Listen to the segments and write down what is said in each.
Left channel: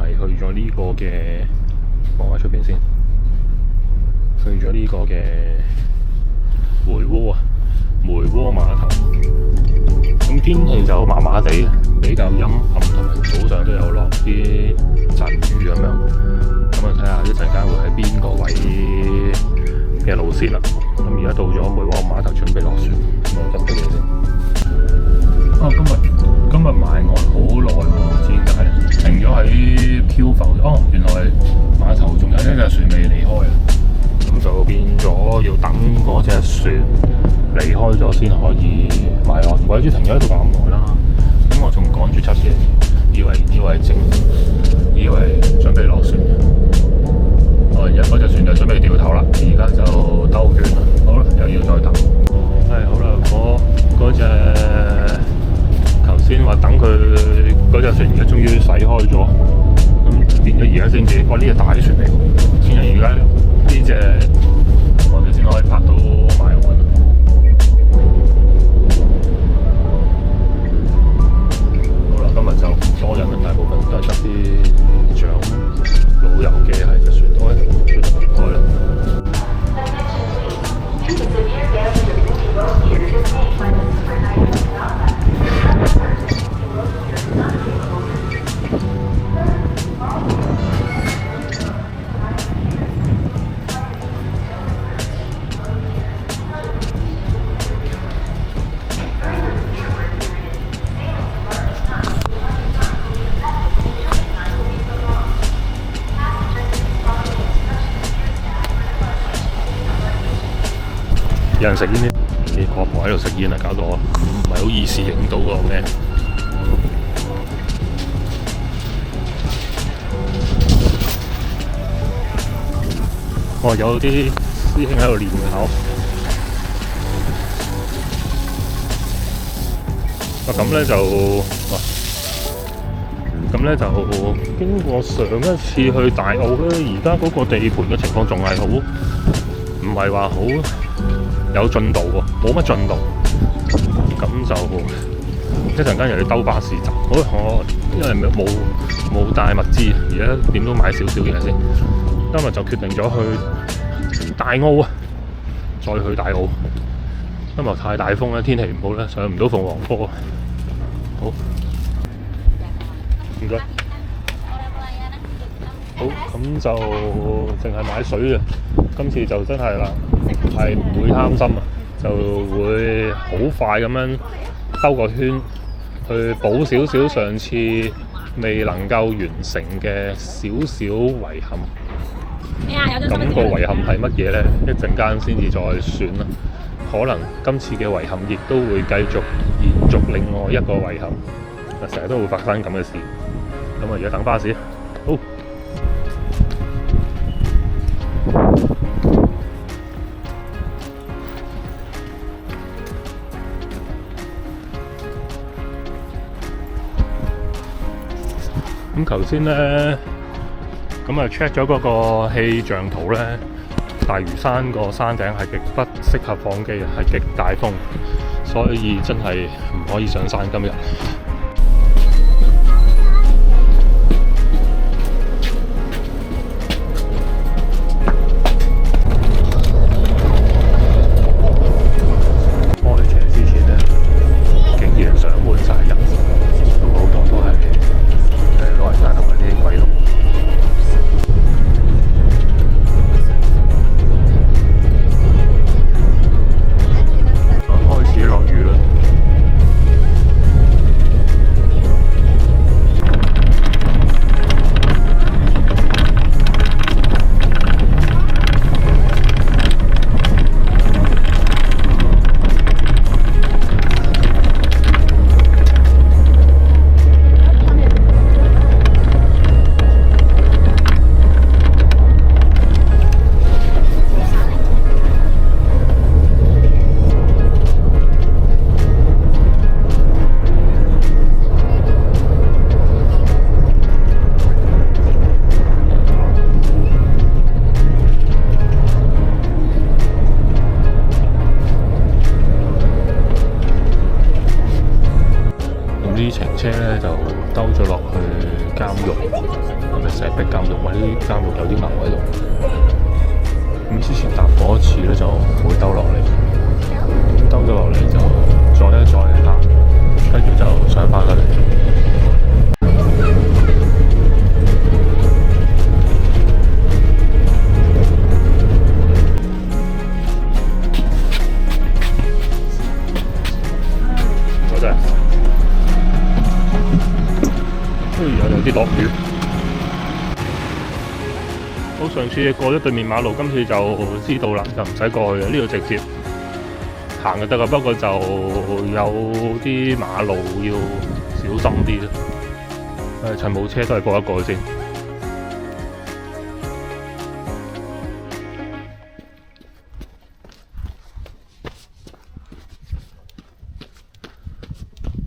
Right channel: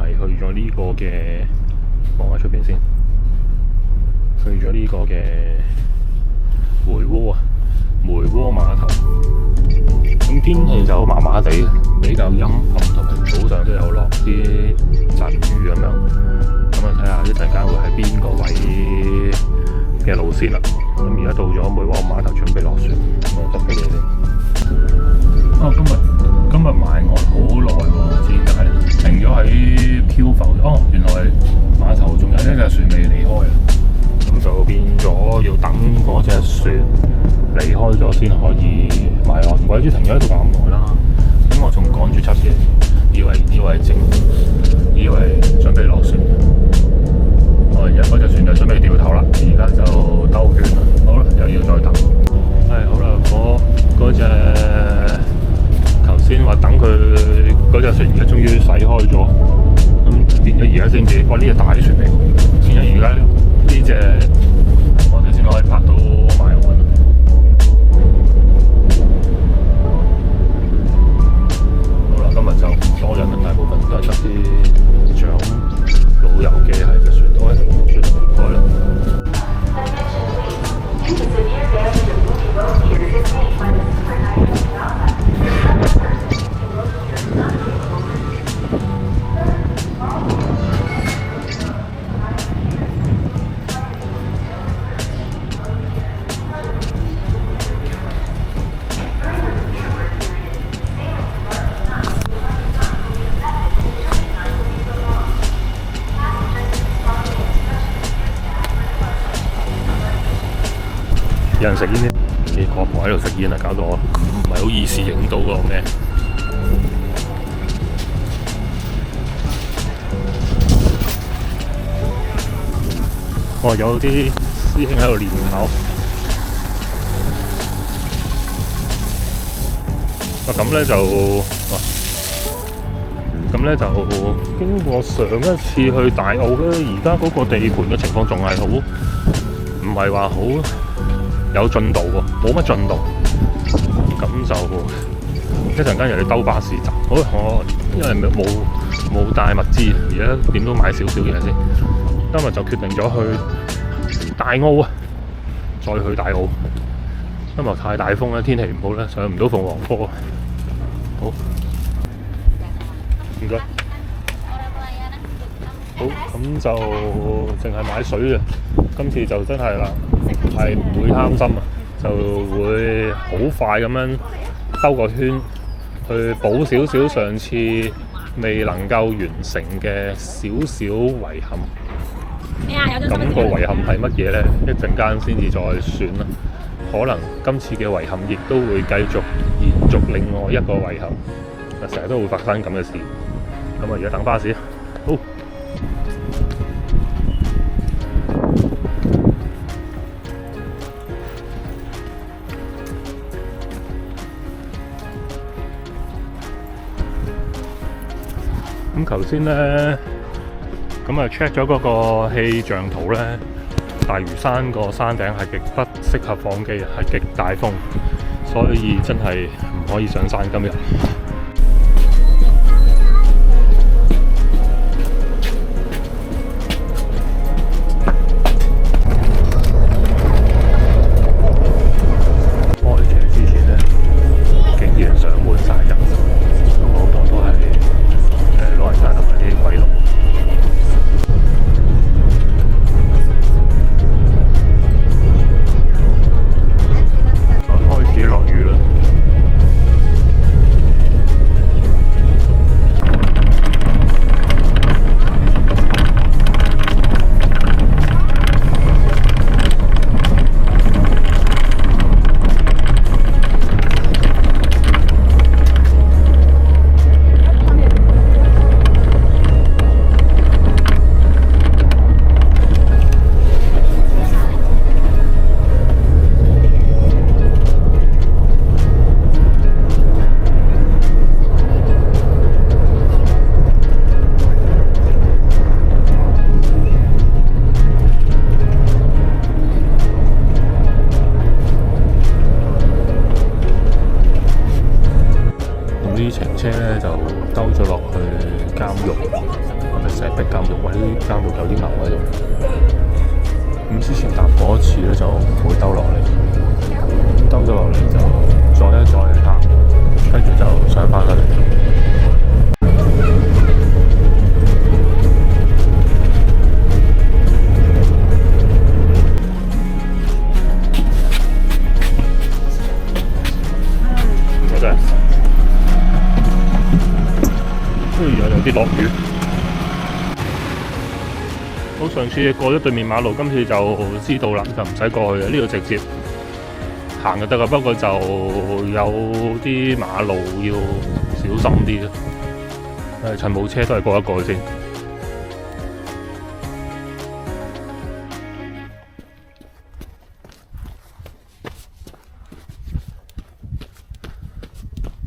係去咗呢個嘅，望下出邊先，去咗呢個嘅梅窩啊，梅窩碼頭。咁天氣就麻麻地，比較陰暗，同埋早上都有落啲陣雨咁樣。咁啊，睇下一陣間會喺邊個位嘅路線啦。咁而家到咗梅窩碼頭，準備落船。咁我執啲嘢先。今日埋岸好耐喎，唔知點解停咗喺漂浮。原來碼頭仲有一隻船未離開啊！咁就變咗要等嗰隻船離開咗先可以埋岸。鬼知停咗喺度咁耐啦。咁我仲趕住執嘢，以為準備落船。而家嗰隻船就準備掉頭啦，而家就兜圈啦。好啦，又要再等。好啦，嗰隻頭先話等佢嗰隻船，而家終於駛開咗。咁變咗而家先至，呢隻大船嚟。變咗而家呢隻，我哋先可以拍到埋岸。好啦，今日就唔多人啦，大部分都係得啲長老友記喺隻船度，船離開啦。有人食煙呢？啲婆婆喺度食煙啊，搞到我唔係好意思影到個咩。有啲師兄喺度練考。咁咧就經過上一次去大澳咧，而家嗰個地盤嘅情況仲係好，唔係話好有進度喎，冇乜進度。咁就一陣間又要兜巴士站。好，我因為冇帶物資，而家點都買少少嘢先。今日就決定咗去大澳啊，再去大澳。今日太大風啦，天氣唔好咧，上唔到鳳凰坡。好，唔該。好，咁就淨係買水啊。今次就真係啦，係唔會貪心啊，就會好快咁樣兜個圈，去補少少上次未能夠完成嘅少少遺憾。咁個遺憾係乜嘢呢？一陣間先至再算啦。可能今次嘅遺憾亦都會繼續延續另外一個遺憾。成日都會發生咁嘅事。咁啊，而家等巴士。好。咁頭先呢，咁啊 check 咗嗰個氣象圖呢，大嶼山個山頂係極不適合放機，係極大風，所以真係唔可以上山今日。開車之前呢，竟然上滿晒人，好多都係老人家同埋啲鬼佬。開始落雨啦，啲程車咧就兜咗落去監獄，係咪石壁監獄？或者啲監獄有啲牛喺度。咁之前搭過一次咧，就會兜落嚟，咁兜咗落嚟就再一下，跟住就上翻去。有啲落雨。好，上次過咗對面馬路，今次就知道啦，就唔使過去嘅，呢度直接行就得噶。不過就有啲馬路要小心啲。趁冇車都係過一過先。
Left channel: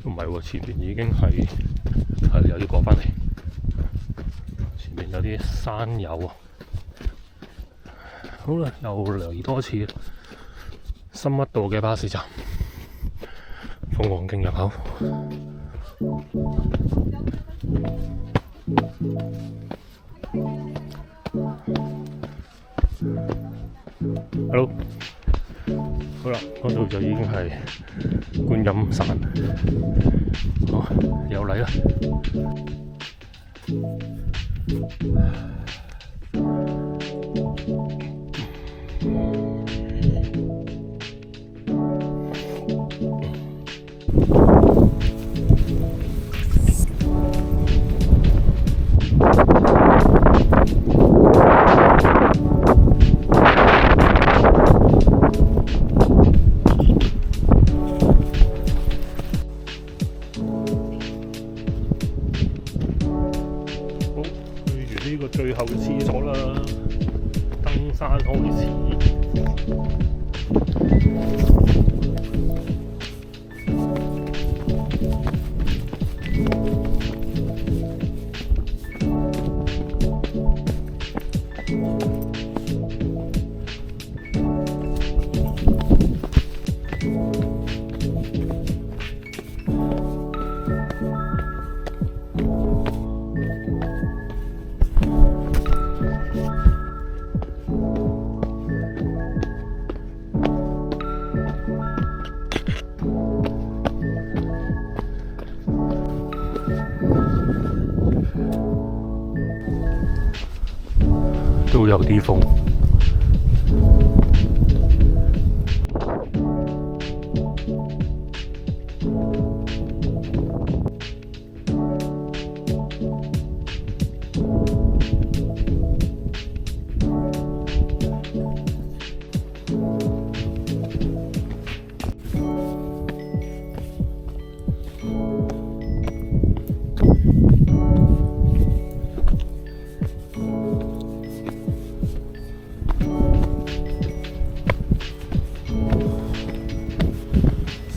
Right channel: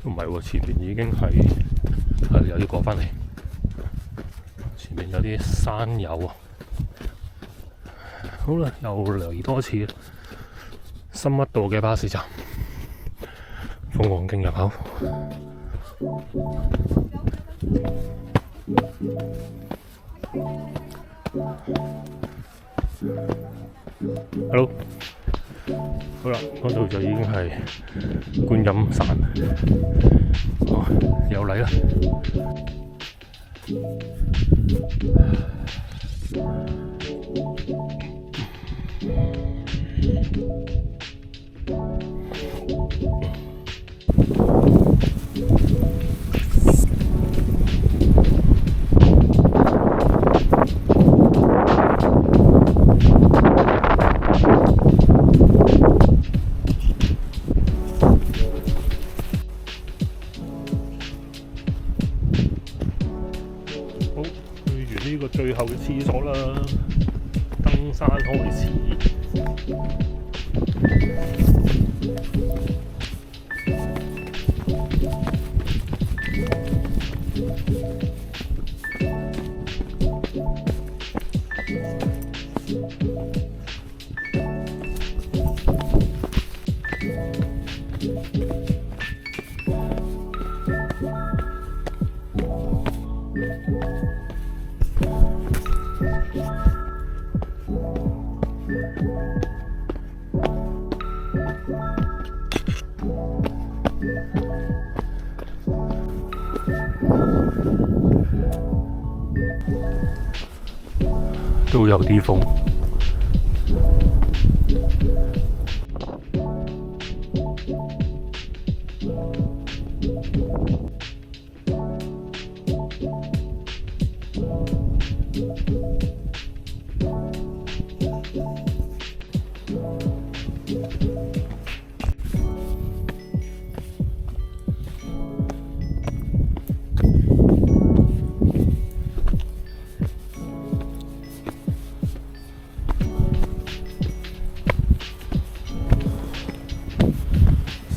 唔係喎，前面已經係又要過返嚟。前面有啲山友啊。好啦，又嚟多次深一道嘅巴士站，鳳凰徑入口。Hello， 好啦，嗰度就已經係觀音山，好，又嚟啦。呢個最後嘅廁所啦，登山開始。都有啲風。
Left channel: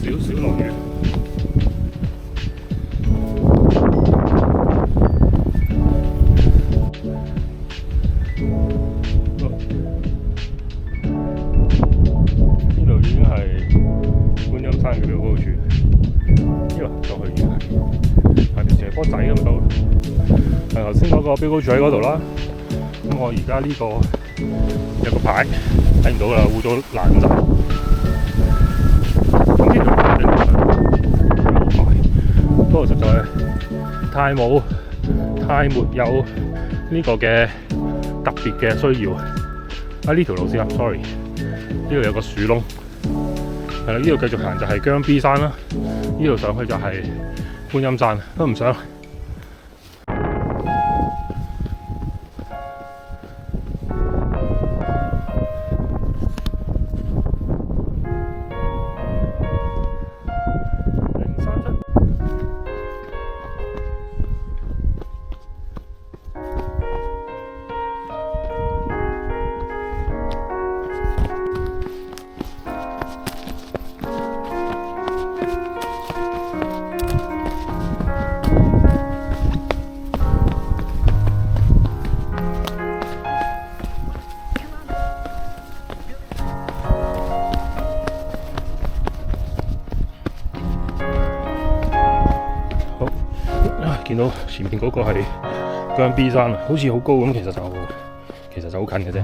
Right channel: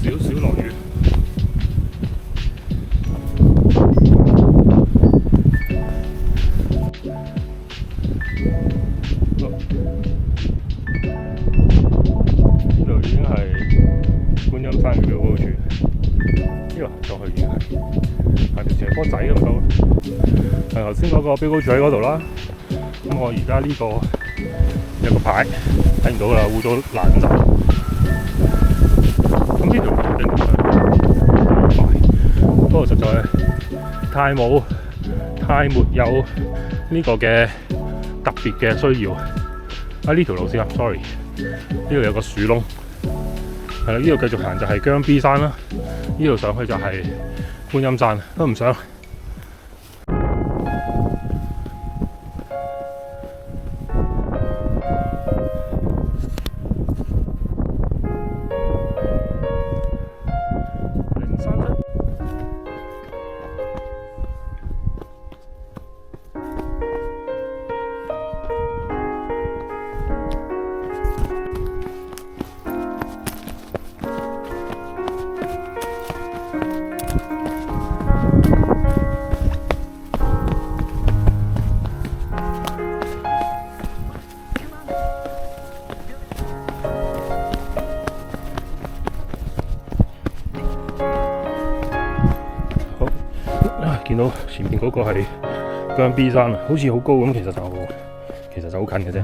少少落雨。呢度已經係觀音山嘅標高處。呢度行上去已經係條斜坡仔咁到。頭先嗰個標高柱喺嗰度啦。咁我而家呢個有個牌睇唔到啦，污咗爛晒。咁呢條路正常快，不過實在太沒有呢個嘅特別嘅需要。呢條路先啊 ，sorry， 呢度有個樹窿，係啦，呢度繼續行就係姜 B 山啦，呢度上去就係觀音山，都唔想。見到前面嗰個係姜 B 山啊，好似好高咁，其實就好近嘅啫。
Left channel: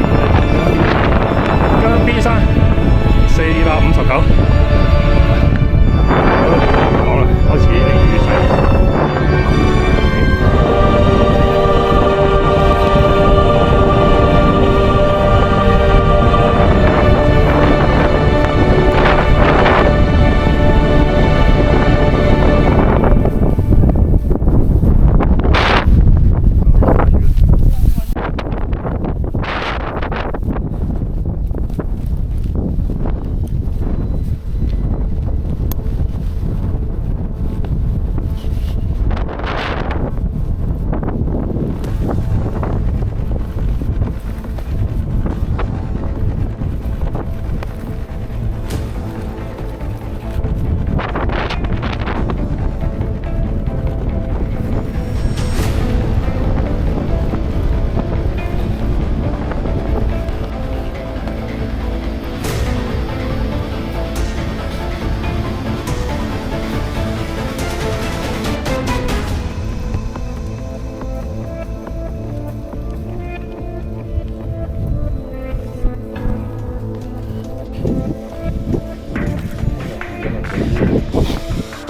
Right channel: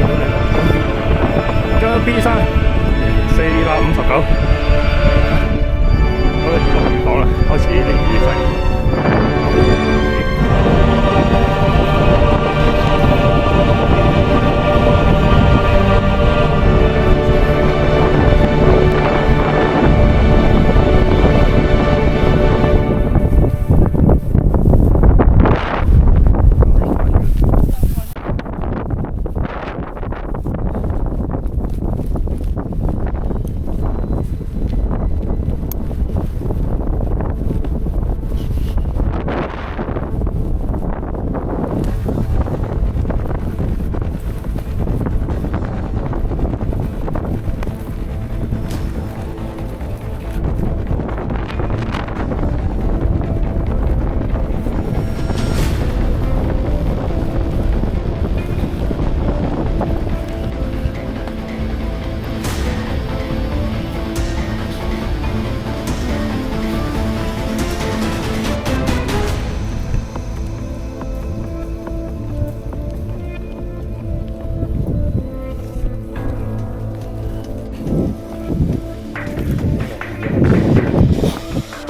見到你姜 B 山459，好，落雨檔啦，開始啲雨勢。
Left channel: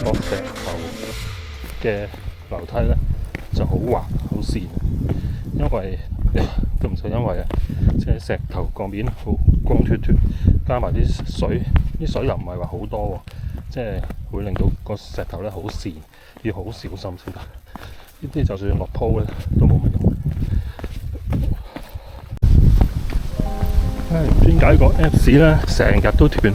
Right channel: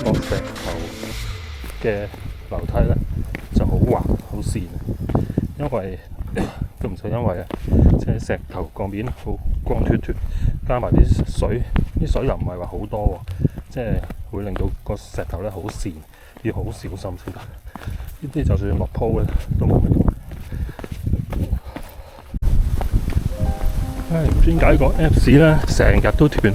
個石頭嘅樓梯咧就好滑好跣，因為都唔使因為啊，即係石頭個面好光脫脫，加埋啲水又唔係話好多喎，即係會令到個石頭咧好跣，要好小心先得。呢啲就算落鋪咧都冇乜用。唉，唔知點解個 Apps 咧成日都斷。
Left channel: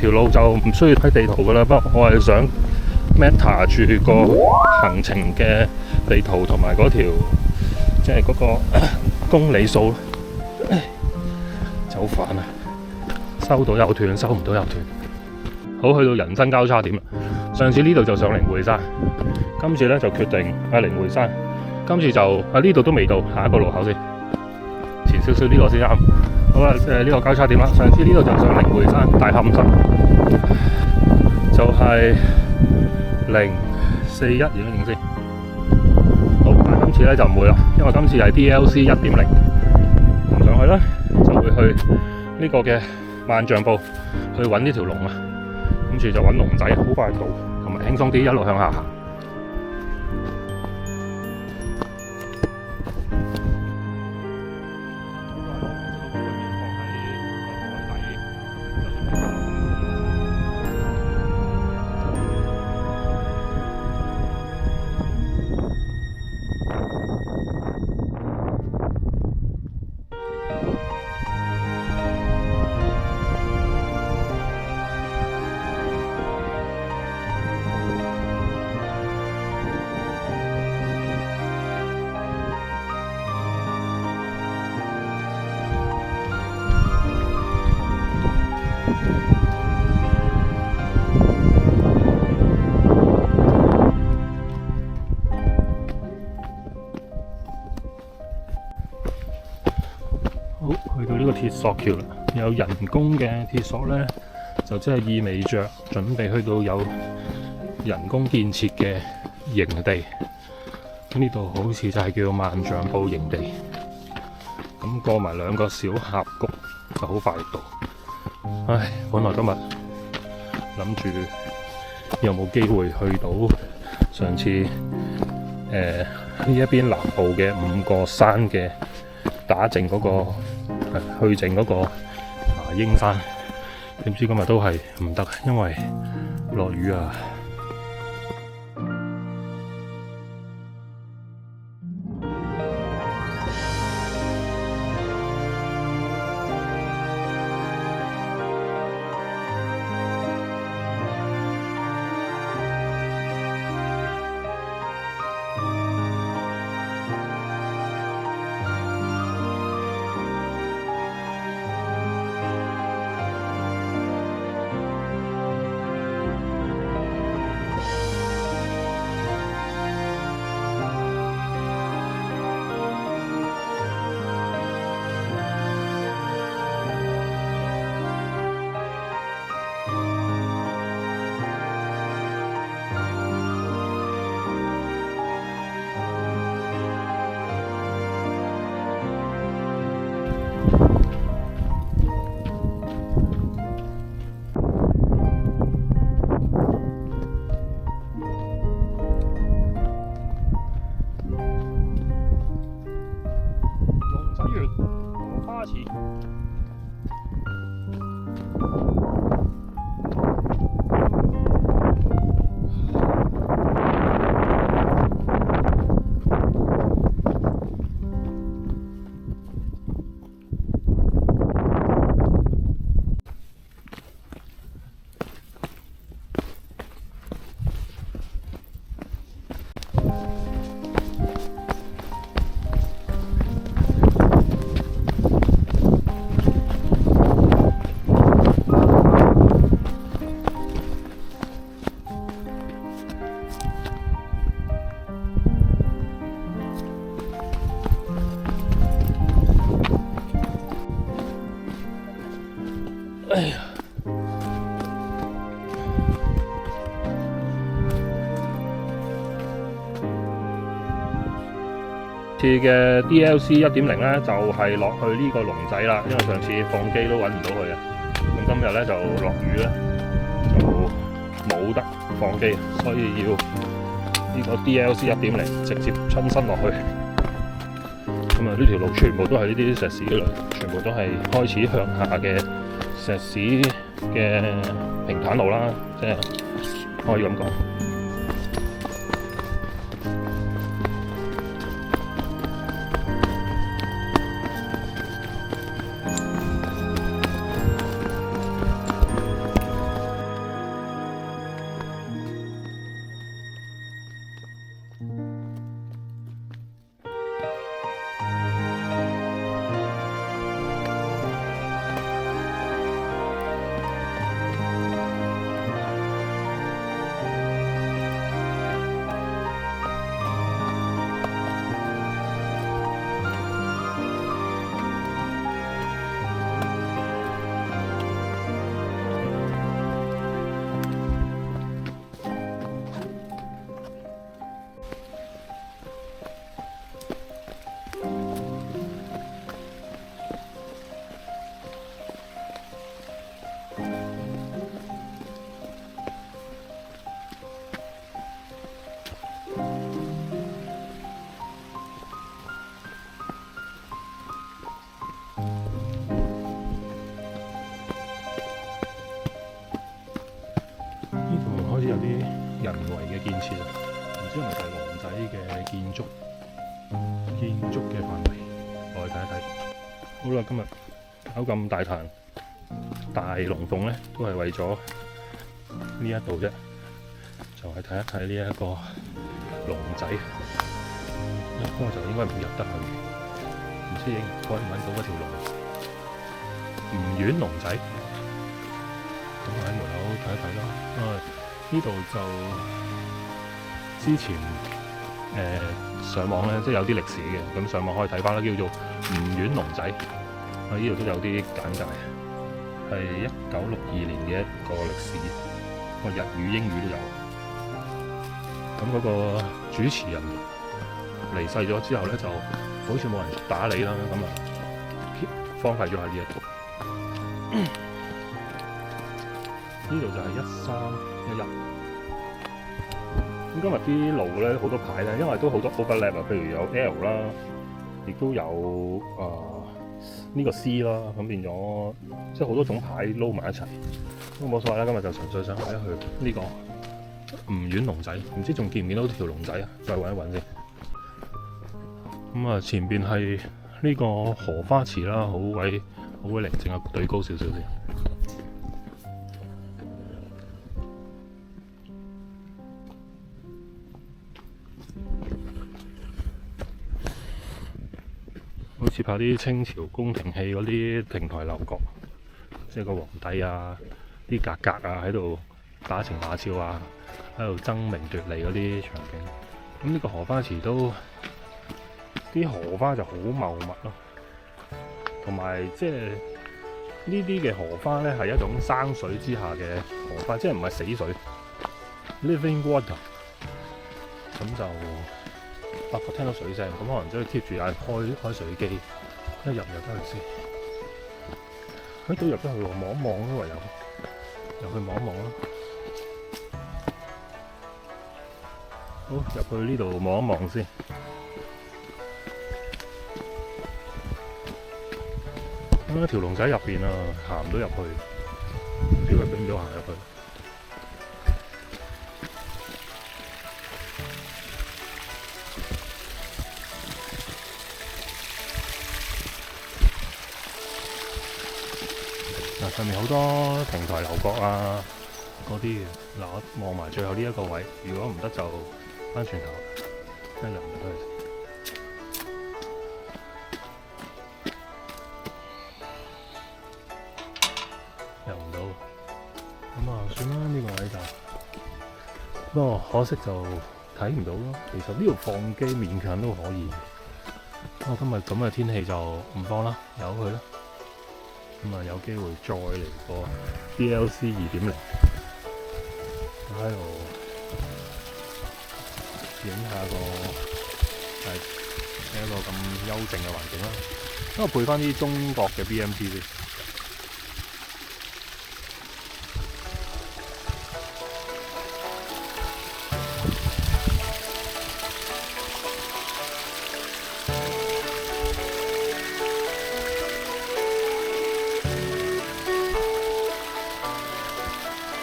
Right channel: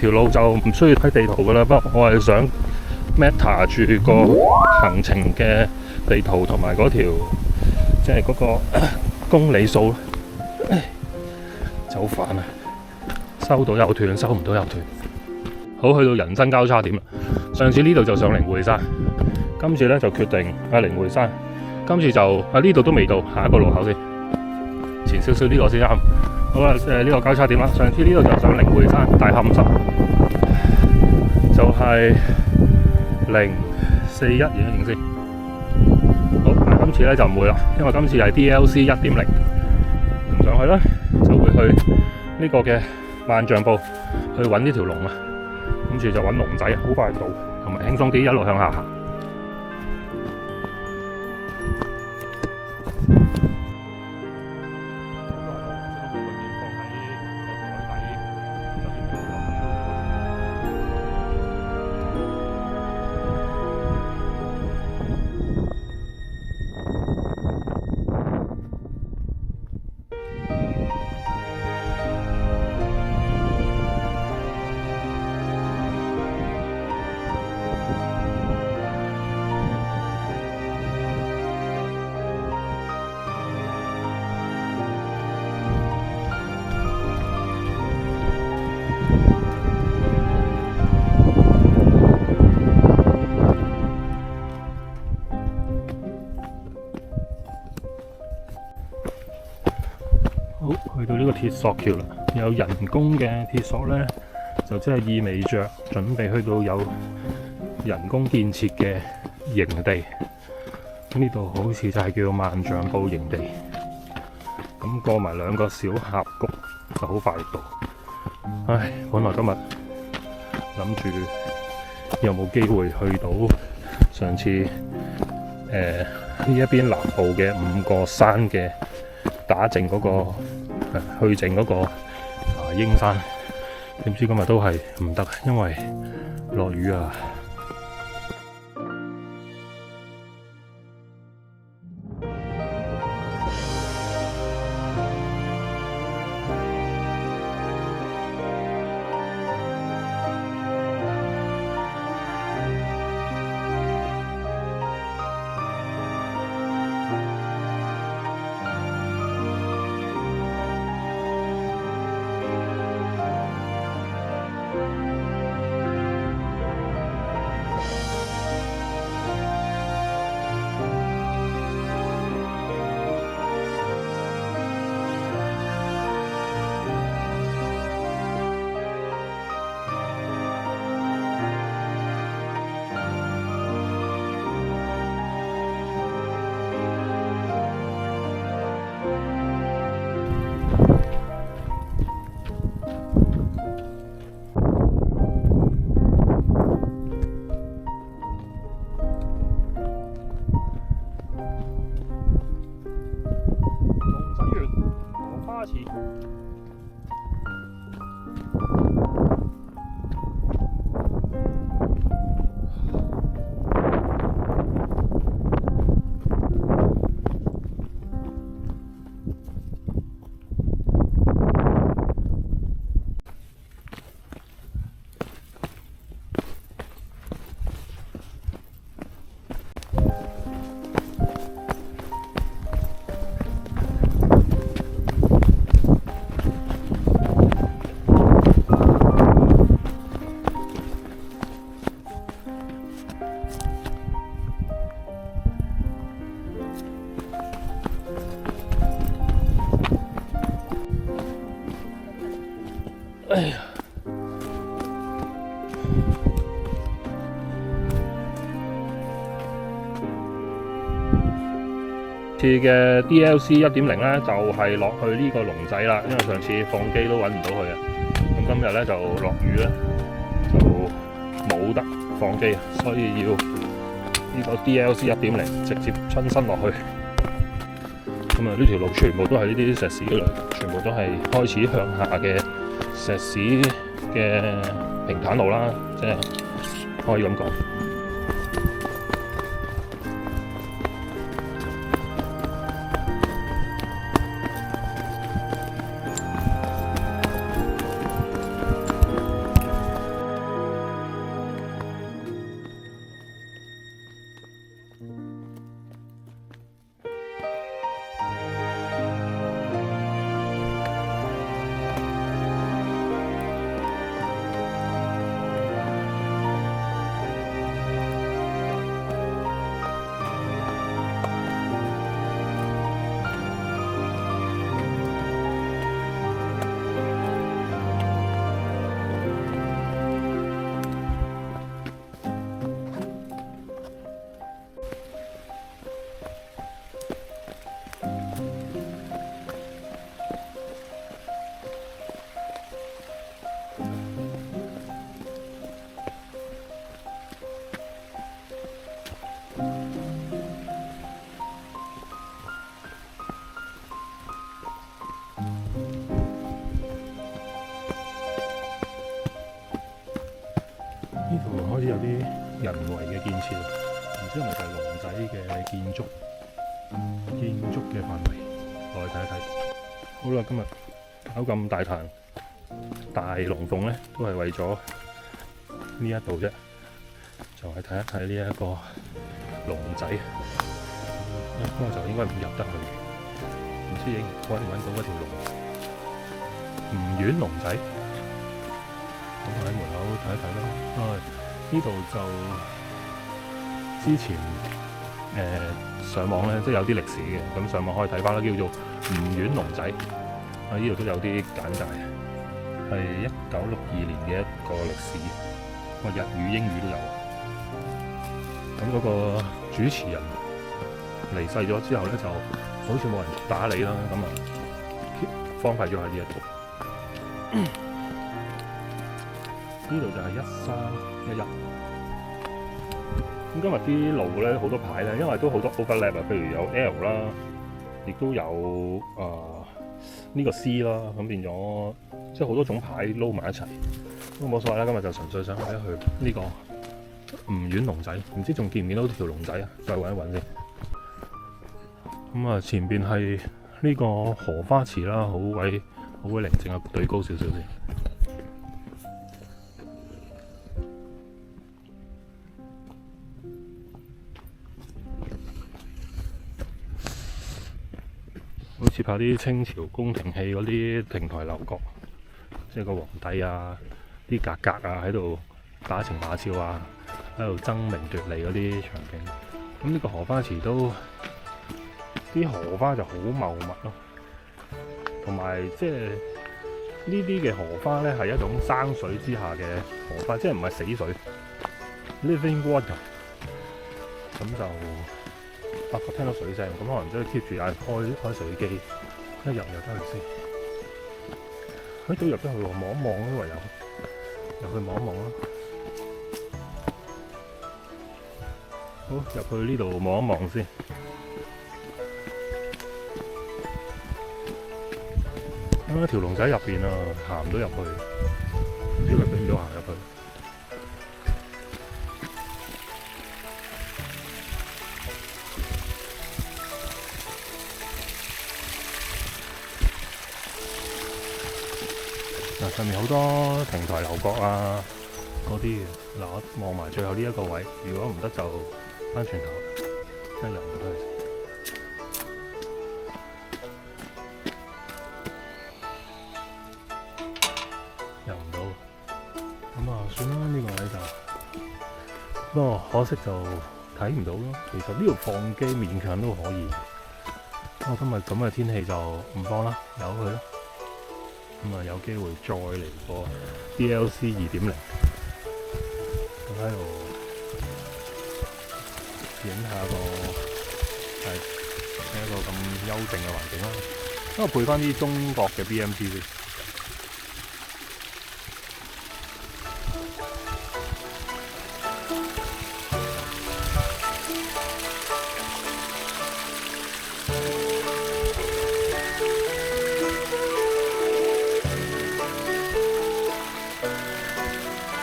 條路就唔需要睇地圖噶啦，不過我係想 Meta 住個行程嘅地圖同埋嗰條即係嗰個公里數，就好煩啊！收到又斷，收唔到又斷。好，去到人生交叉點啦。上次呢度就上靈匯山，今次咧就決定靈匯山。今次就呢度都未到，下一個路口先，前少少呢個先啱。好啦，呢個交叉點啦。上次呢度就上靈匯山大磡山，就係041影一影先。好，但係今次咧就唔會啦，因為今次係 DLC 1.0，唔上去啦，就會去呢個嘅萬丈步去揾呢條龍啊。跟住就揾龍仔，好快到，同埋輕鬆啲，一路向下行。好，去到呢個鐵索橋啦，有人工嘅鐵索咧，就即係意味着準備去到有人工建設嘅營地。咁呢度好似就係叫萬丈步營地。咁過埋兩個小峽谷就好快到。唉，本來今日諗住有冇機會去到上次呢一邊南部嘅5個山嘅打淨嗰個去淨嗰個鷹山，點知今日都係唔得，因為落雨啊！園荷花池。哎呀！次嘅 DLC 1.0咧，就係落去呢個龍仔啦，因為上次放機都揾唔到佢啊。咁今日咧就落雨咧，就冇得放機，所以要呢個 DLC 1.0直接親身落去。咁啊，呢條路全部都係呢啲石屎路，全部都係開始向下嘅石屎嘅平坦路啦，即係可以咁講。開始有啲人為嘅建設啦，唔知係咪就係龍仔嘅建築嘅範圍，落去睇一睇。好啦，今日搞咁大壇大龍鳳咧，都係為咗呢一度啫，就係睇一睇呢一個龍仔。不過就應該唔入得去，唔知揾唔揾到嗰條龍吳苑龍仔。咁喺門口睇一睇啦。呢度就之前上網咧，即係有啲歷史嘅，咁上網可以睇翻啦，叫做吳苑龍仔。呢度都有啲簡介，係1962年嘅一個歷史，日語、英語都有。咁嗰個主持人離世咗之後咧，就好似冇人打理啦，咁啊荒廢咗喺呢一度。呢度就係1311。咁今日啲路咧好多牌咧，因為都好多 overlap 啊，譬如有 L 啦，亦都有呢個 C 啦，咁變咗即係好多種牌撈埋一齊。咁冇所謂啦，今日就純粹想去一去呢個吳苑龍仔，唔知仲見唔見到條龍仔啊？再揾一揾先。咁啊，前邊係呢個荷花池啦，好鬼寧靜啊，對高少少先。好似拍啲清朝宮廷戲嗰啲亭台樓閣，即係個皇帝啊、啲格格啊喺度打情罵俏啊，喺度爭名奪利嗰啲場景。咁呢個荷花池都啲荷花就好茂密咯，同埋即係呢啲嘅荷花咧係一種生水之下嘅荷花，即係唔係死水 （living water）。咁就發覺聽到水聲，咁可能真係 keep 住有人開水機，一入得去先。喺度入得去喎，望一望咯，唯有入去望一望啦。好，入去呢度望一望先。啊，條龍仔入邊啊，行唔到入去，唔知佢俾唔俾我行入去。嗱，上面好多平台樓閣啊，嗰啲嘅。嗱，我望埋最後呢一個位，如果唔得就翻轉頭，真係入唔到去。入唔到，咁啊算啦，呢個位就，不過可惜就睇唔到咯。其實呢度放機勉強都可以，不過今日咁嘅天氣就唔放啦，由佢啦。咁啊有機會再嚟個 DLC 2.0，我喺度影下個係一個咁幽靜嘅環境啦。因為配翻啲中國嘅 BMP 先。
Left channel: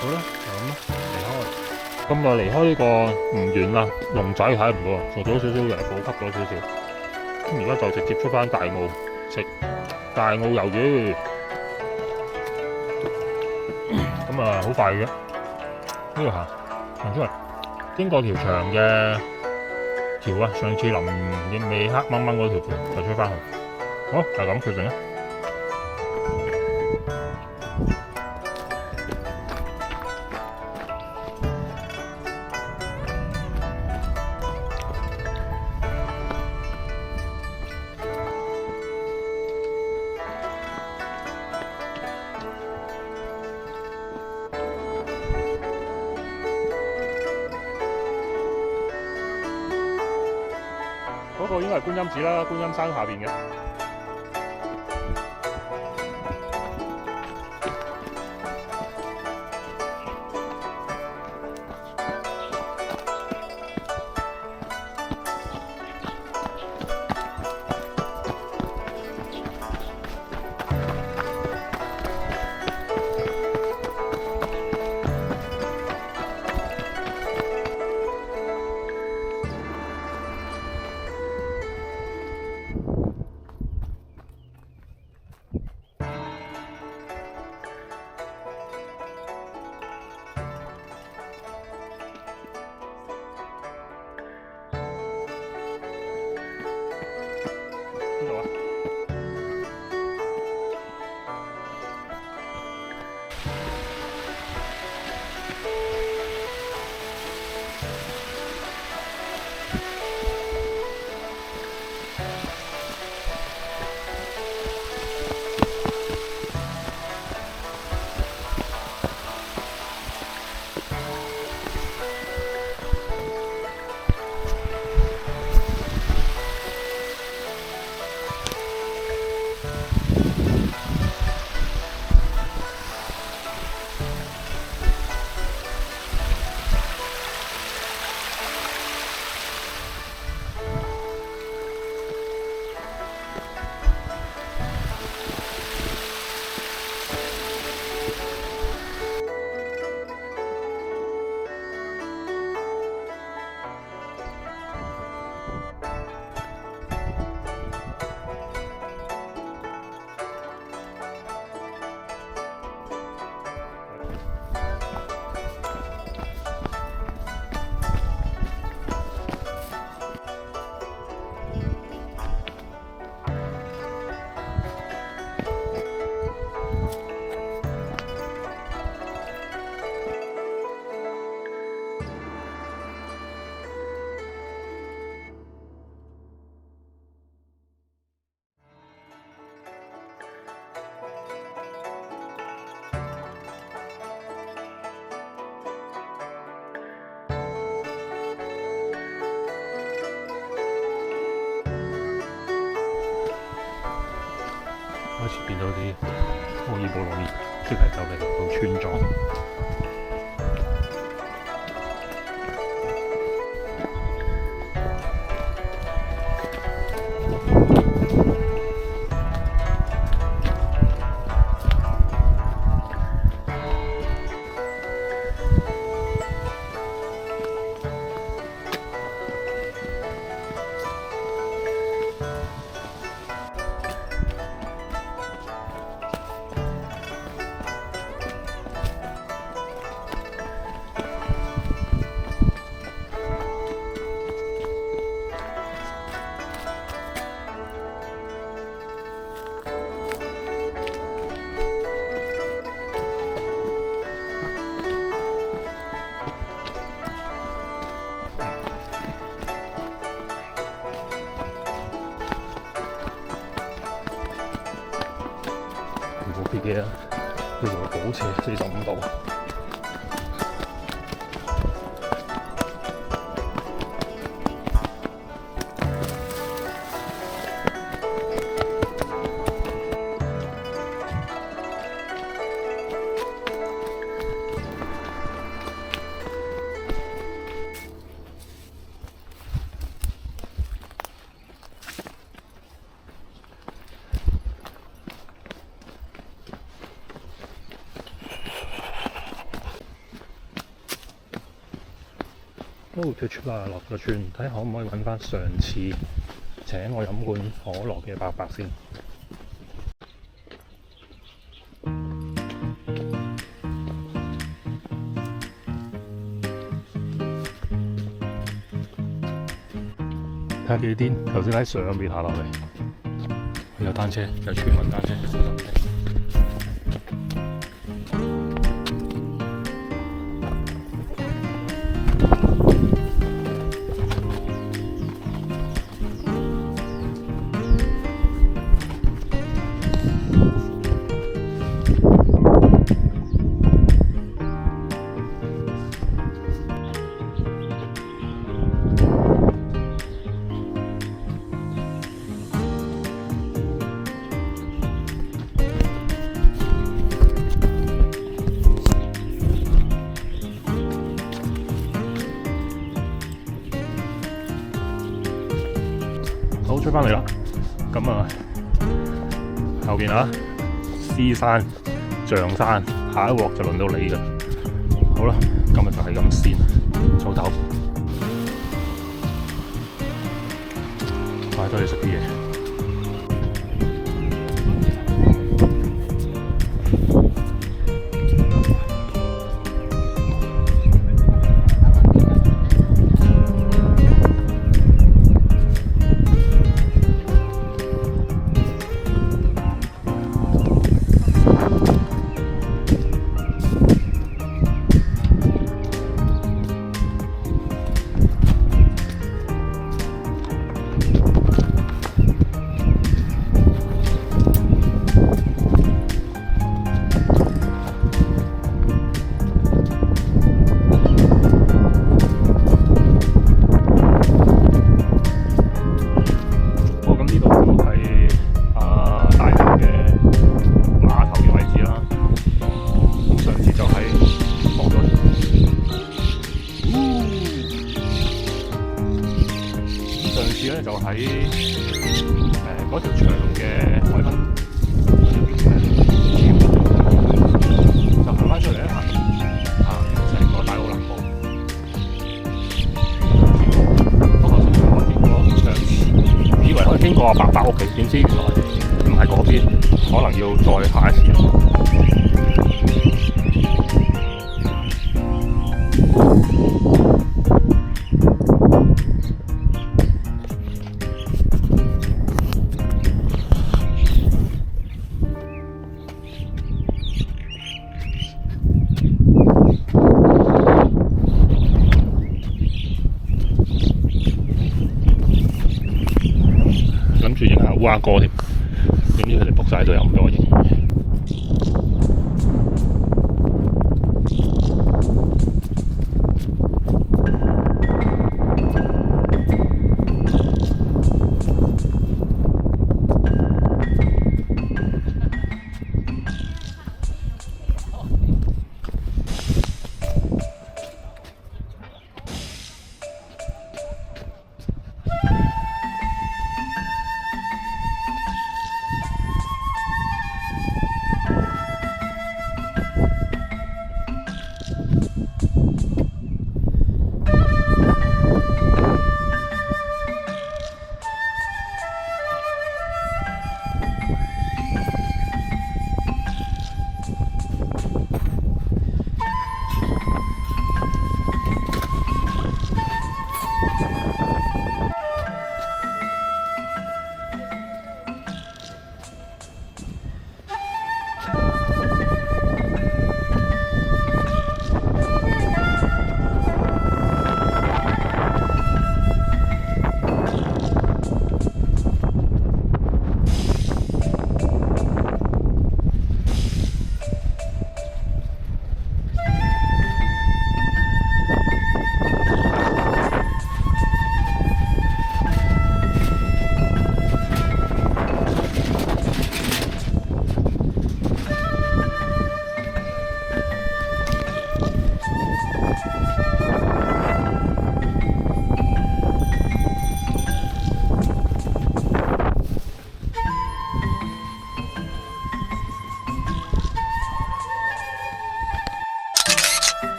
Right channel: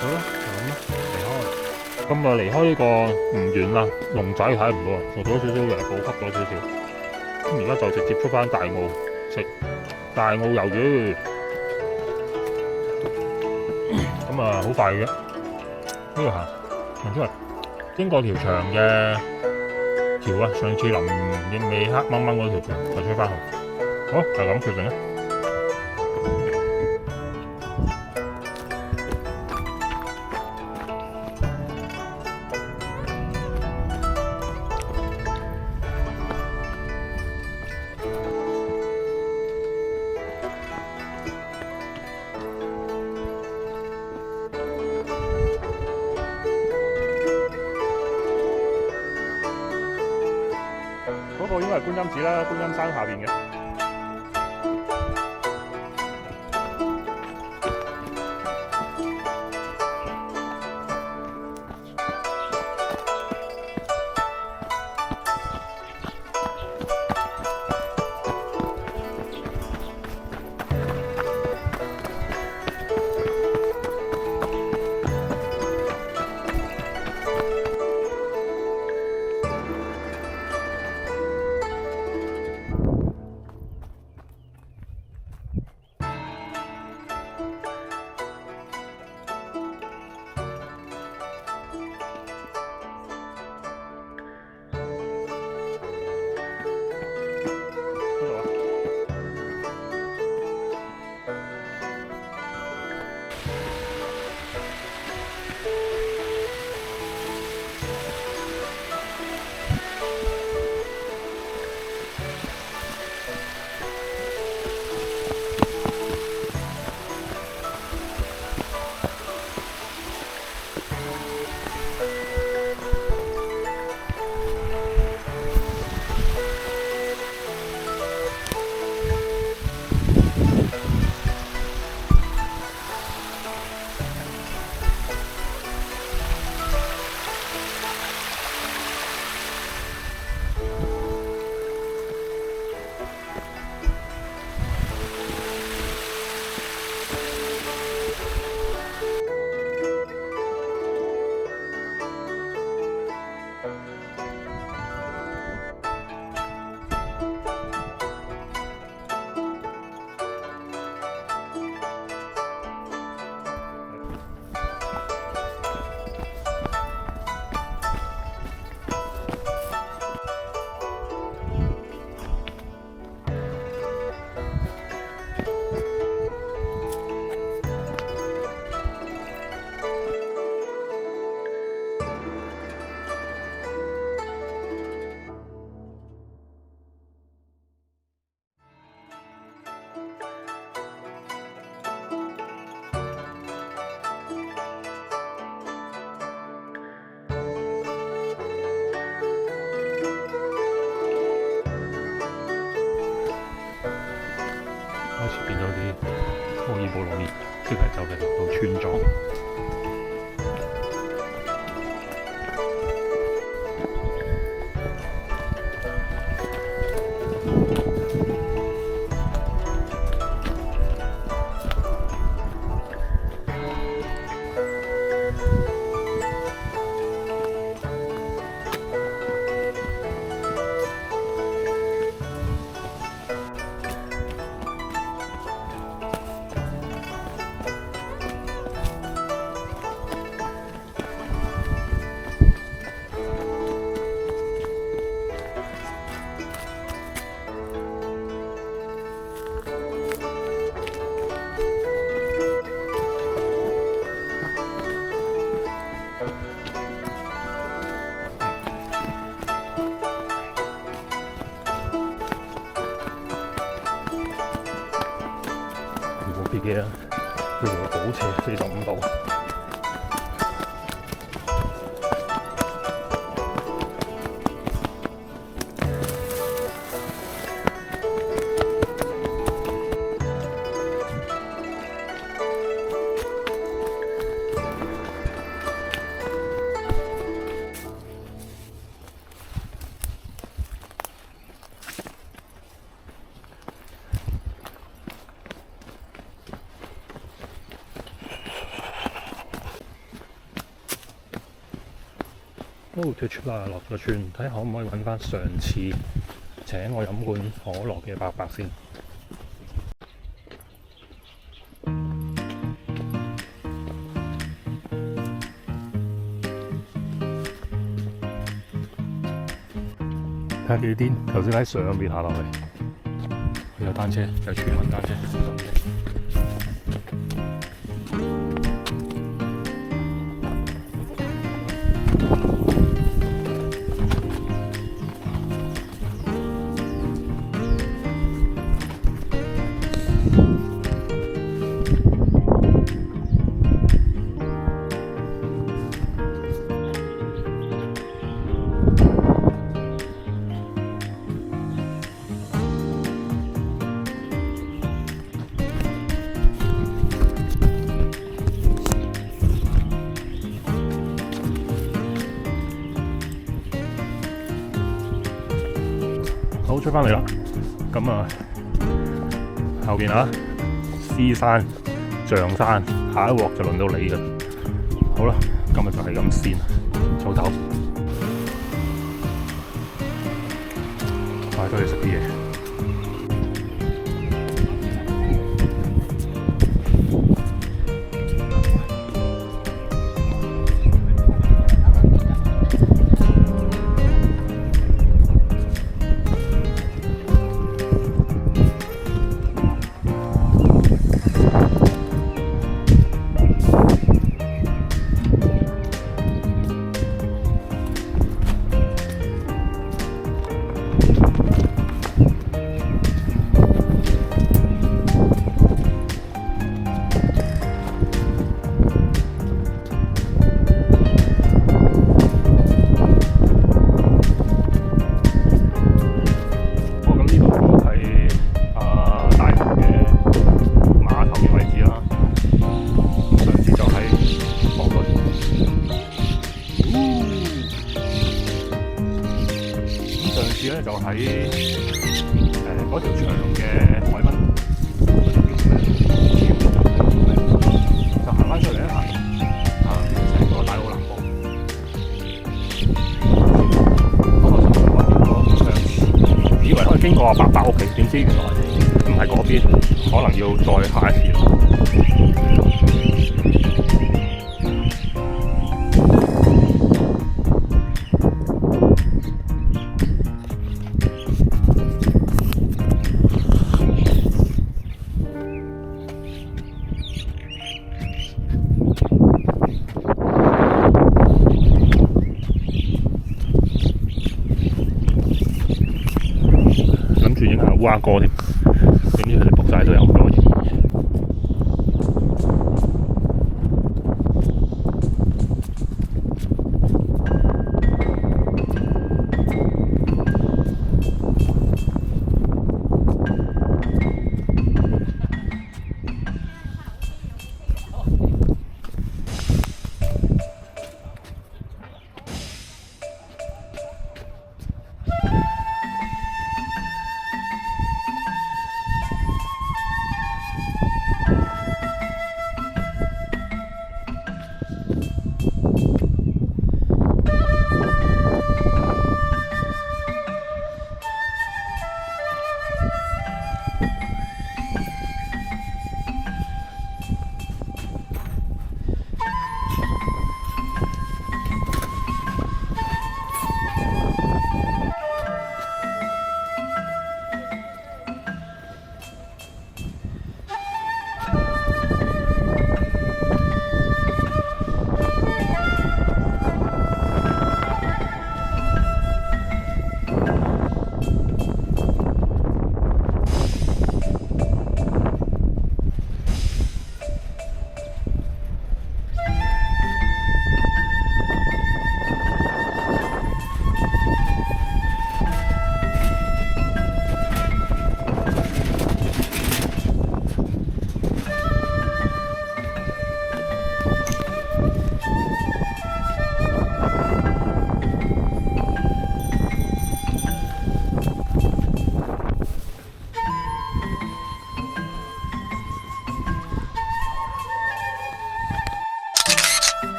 好啦，就咁啦，離開。咁啊，離開呢個唔遠啦，龍仔睇唔到啊，做咗少少嘅補給咗少少。咁而家就直接出翻大澳食大澳魷魚。咁啊，好快嘅，呢度行出嚟，經過條長嘅橋啊，上次臨影尾黑掹掹嗰條橋就出翻去。好，就咁決定啦。嗰個應該係觀音寺啦，觀音山下邊嘅。邊度啊？開始變咗啲摩爾布魯伊，即係就嚟到村莊。別嘅，叫做倒斜45度。都脫出啦，落個村，睇下可唔可以揾翻上次請我飲罐可樂嘅伯伯先。睇下幾癲，頭先喺上邊下落嚟，有單車，有村民單車。好，出返嚟啦，咁啊後邊啊獅山、象山，下一鑊就輪到你㗎。好啦，今日就係咁先，早唞，快啲去食啲嘢。就喺嗰條長嘅海濱嗰條叫咩？就行翻出嚟一行，成個大澳南部。不過上次我經過上次，以為可以經過阿伯伯屋企，點知原來唔係嗰邊，可能要再下一次。諗住影下烏鴉哥添，點知佢哋仆晒都有咁多嘢。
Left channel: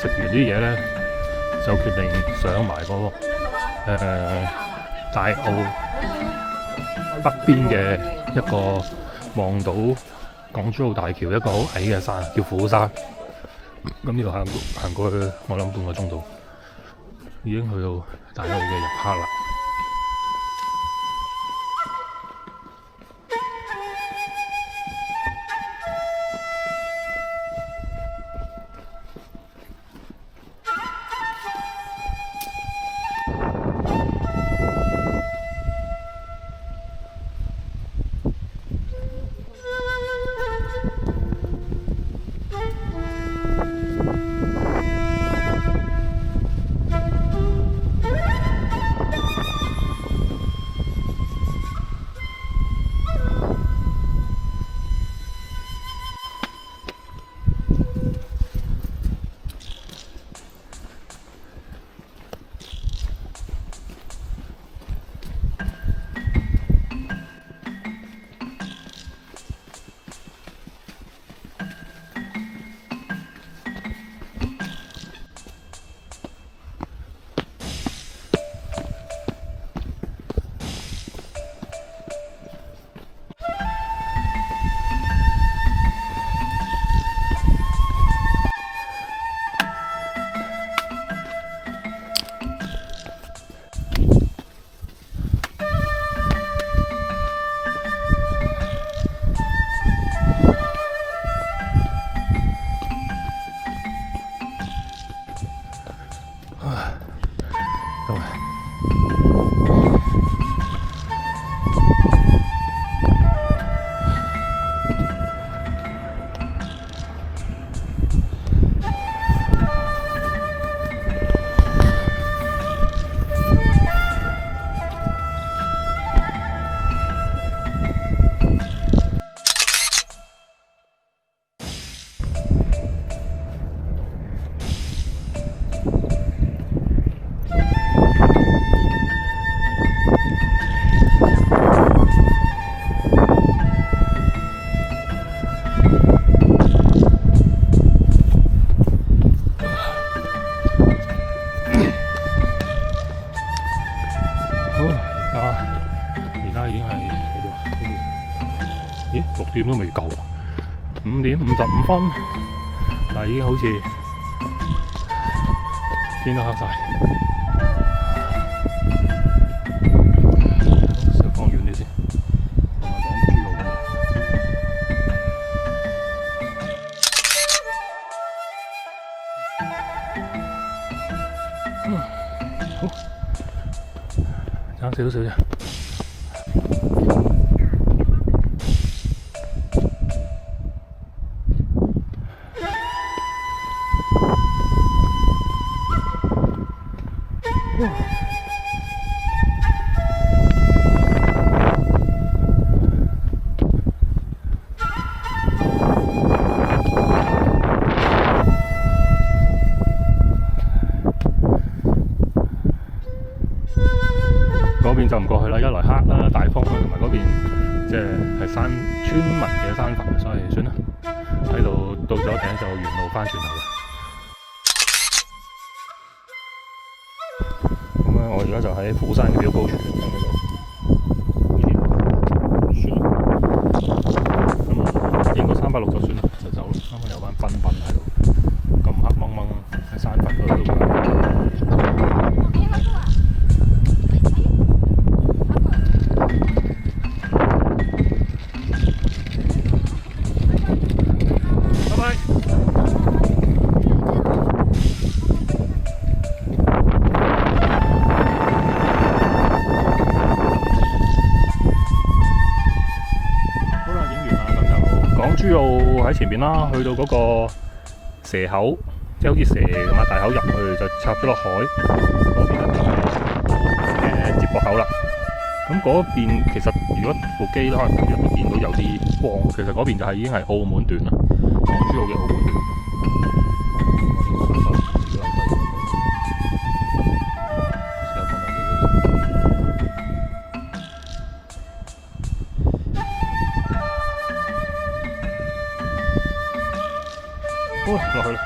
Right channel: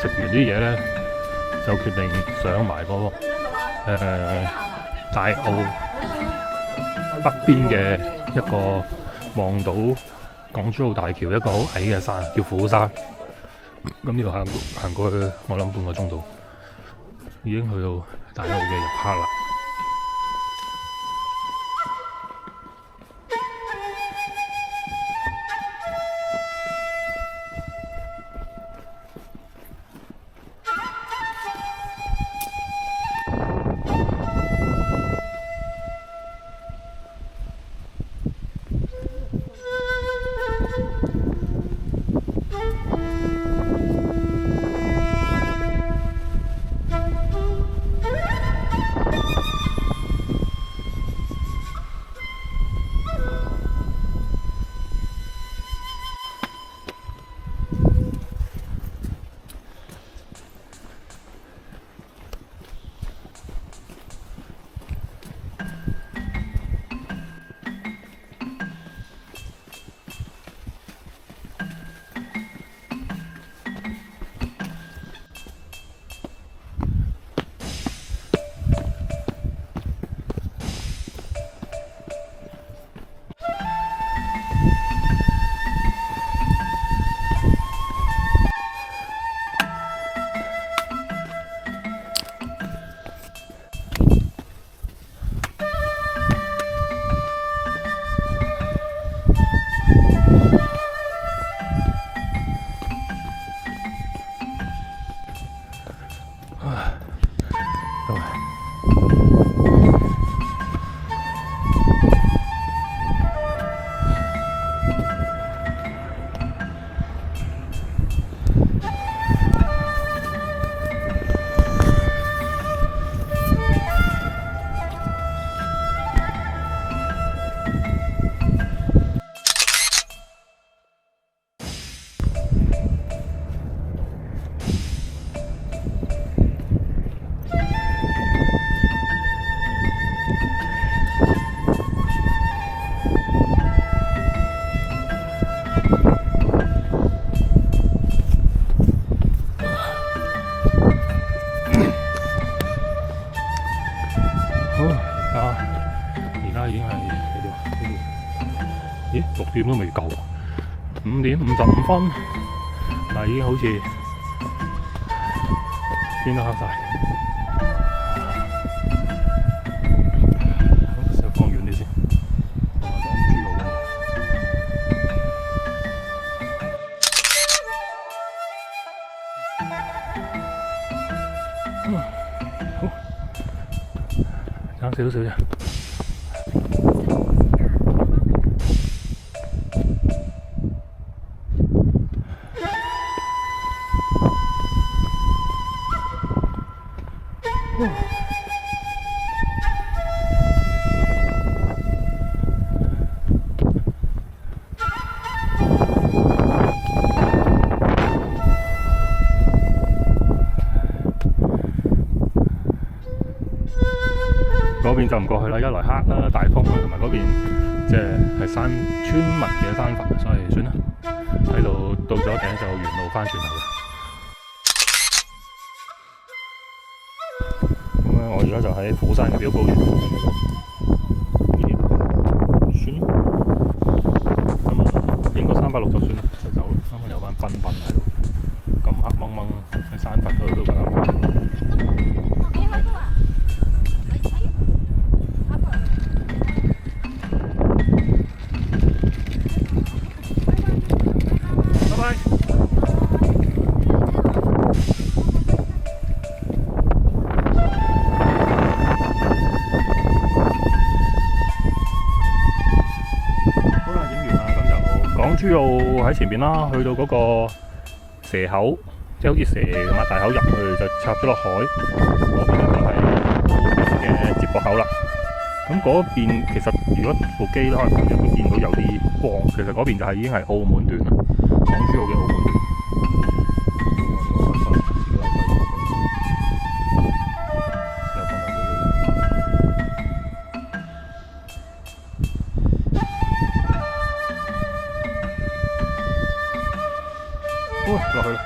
食完啲嘢咧，就決定上埋嗰個大澳北邊嘅一個望到港珠澳大橋一個好矮嘅山，叫虎山。咁呢度行過去，我諗半個鐘度已經去到大澳嘅入口啦。咦，6點都未夠，5點55分，但係已經好似天都黑晒。先放遠啲先，放下港珠澳。好，爭少少啫。嗰邊就唔過去啦，一來黑啦、大風啦，同埋嗰邊即係山村民嘅山墳，所以算啦。喺度到咗頂就沿路翻轉頭啦。咁啊，我而家就喺虎山嘅標高處，喺嗰度。算啦。咁啊，影個360就算啦，就走啦。啱啱有班賓賓喺度，咁黑掹掹喺山墳嗰度。港珠澳喺前面啦，去到嗰個蛇口，即係好似蛇咁啊，大口入去就插咗落海，嗰邊咧就係接駁口啦。咁嗰邊其實如果部機可能入邊見到有啲光，其實嗰邊就係已經係澳門段啦，港珠澳嘅澳門段。落去啦！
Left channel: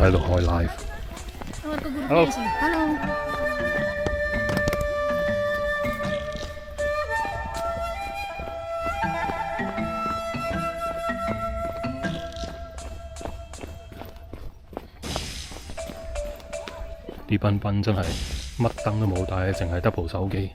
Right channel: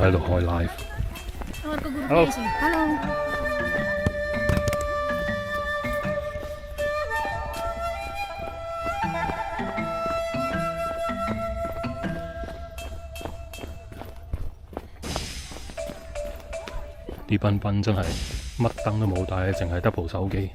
喺度開 live。Hello。啲賓賓真係乜燈都冇帶，淨係得部手機。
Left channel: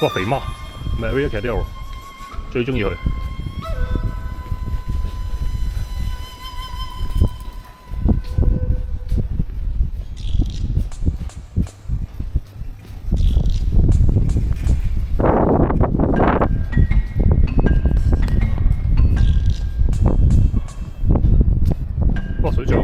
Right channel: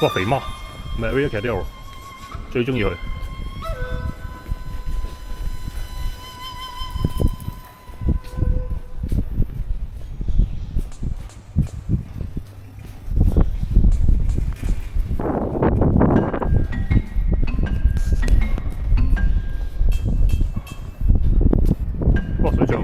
哇！肥媽 Maria Cordero 最中意佢。哇！水象。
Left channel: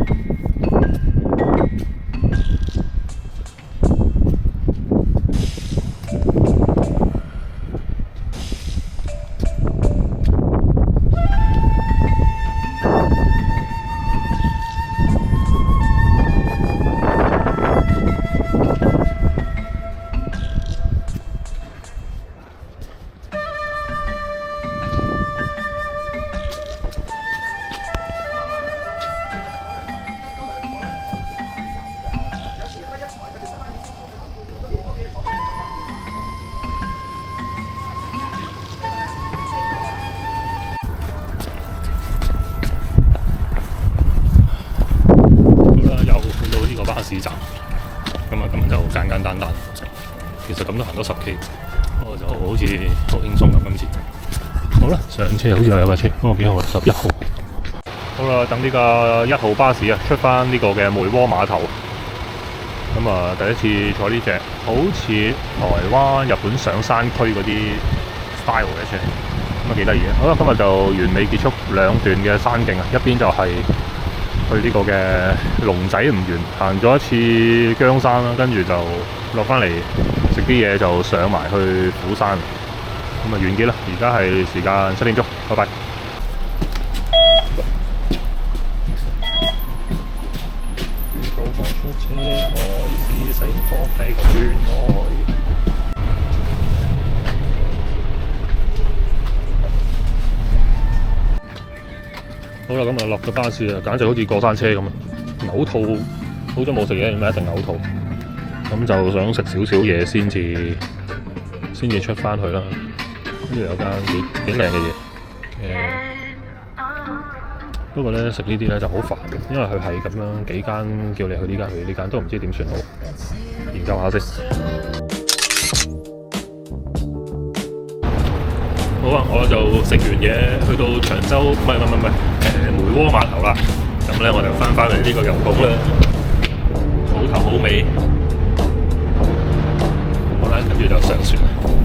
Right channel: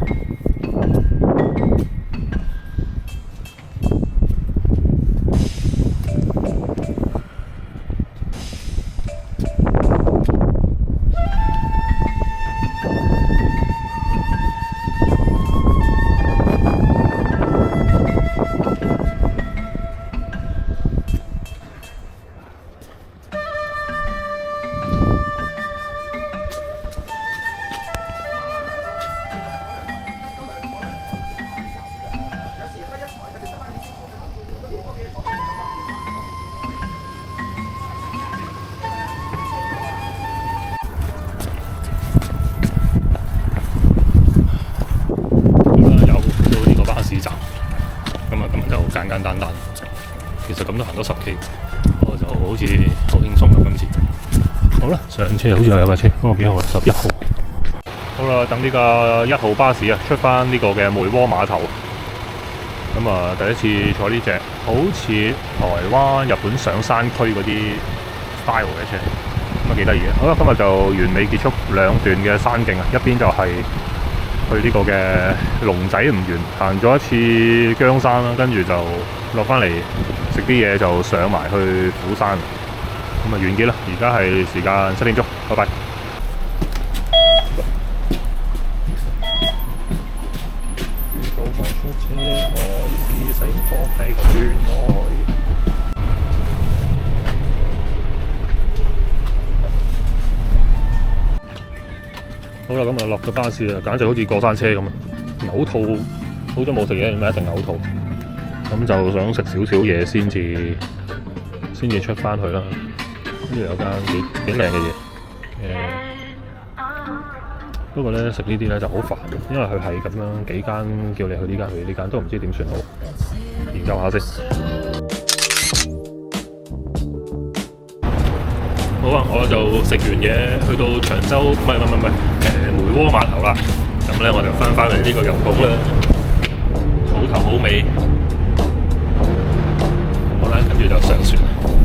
巴士站，咁就簡簡單單，其實咁都行到10 K， 不過就好似好輕鬆咁今次。好啦，上車好似又有架車，嗰個幾號啊？11號。好啦，等呢個1號巴士啊，出翻呢個嘅梅窩碼頭。咁啊，第一次坐呢隻，好似台灣、日本上山區嗰啲 style 嘅車，咁啊幾得意嘅。好啦，今日就完美結束2段嘅山徑啊，一邊就係去呢個嘅龍仔吳園行咗一次姜山啦，跟住就落翻嚟食啲嘢，就上埋去虎山，咁啊完結啦！而家係時間7點鐘，拜拜。好啦，咁啊落咗巴士啊，簡直好似過山車咁啊！嘔吐，好咗冇食嘢，咪一定嘔吐。咁就想食少少嘢先至出翻去啦。呢度有間幾靚嘅嘢，不過咧食呢啲咧就好煩，因為佢係咁樣幾間叫你去呢間去呢間，都唔知點算好。研究下先。好啊，我就食完嘢，去到長洲，唔係梅窩碼頭啦。咁咧我就翻嚟呢個油港啦，好頭好尾。好啦，跟住就上船。